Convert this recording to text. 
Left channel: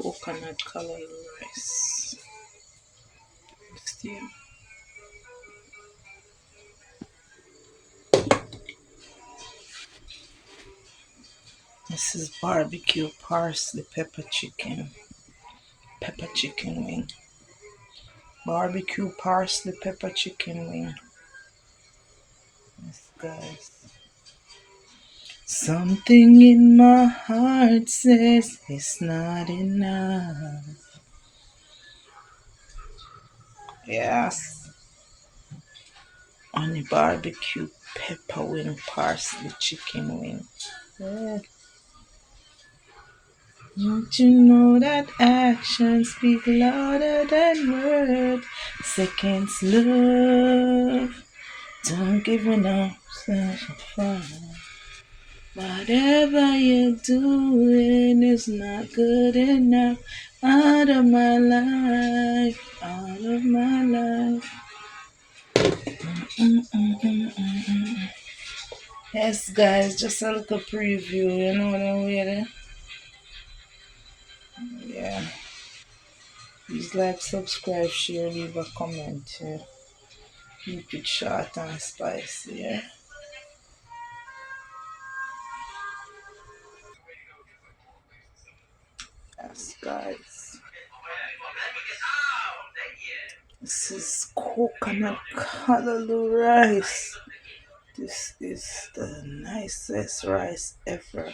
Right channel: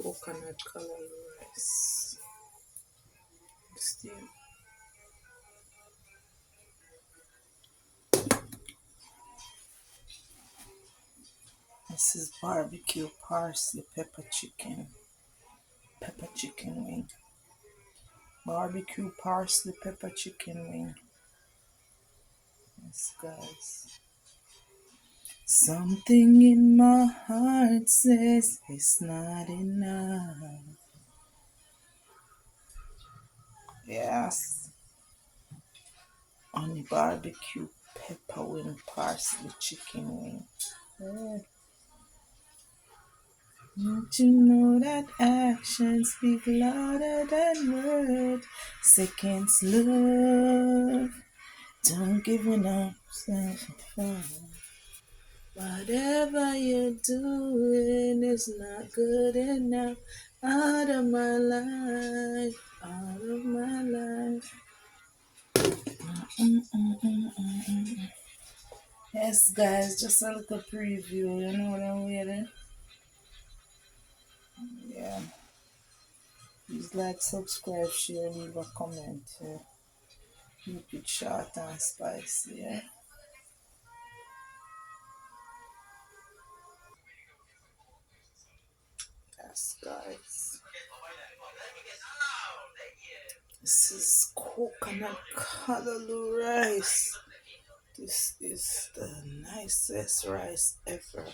Coconut callaloo rice. Steam. This is barbecue parsley pepper chicken wing. Barbecue parsley pepper chicken wing. Yes, guys. Something in my heart says it's not enough. Yes. On the barbecue pepper wing parsley chicken wing. Yeah. Don't you know that actions speak louder than words? Seconds love. Don't give it up, such a fun. Whatever you're doing is not good enough. Out of my life, out of my life. Mm-mm-mm-mm-mm. Yes, guys, just a little preview. You know what I'm with? Yeah. Please like, subscribe, share, leave a comment. Yeah. Keep it short and spicy. Yeah. Yes, guys. This is coconut callaloo rice. This is the nicest rice ever.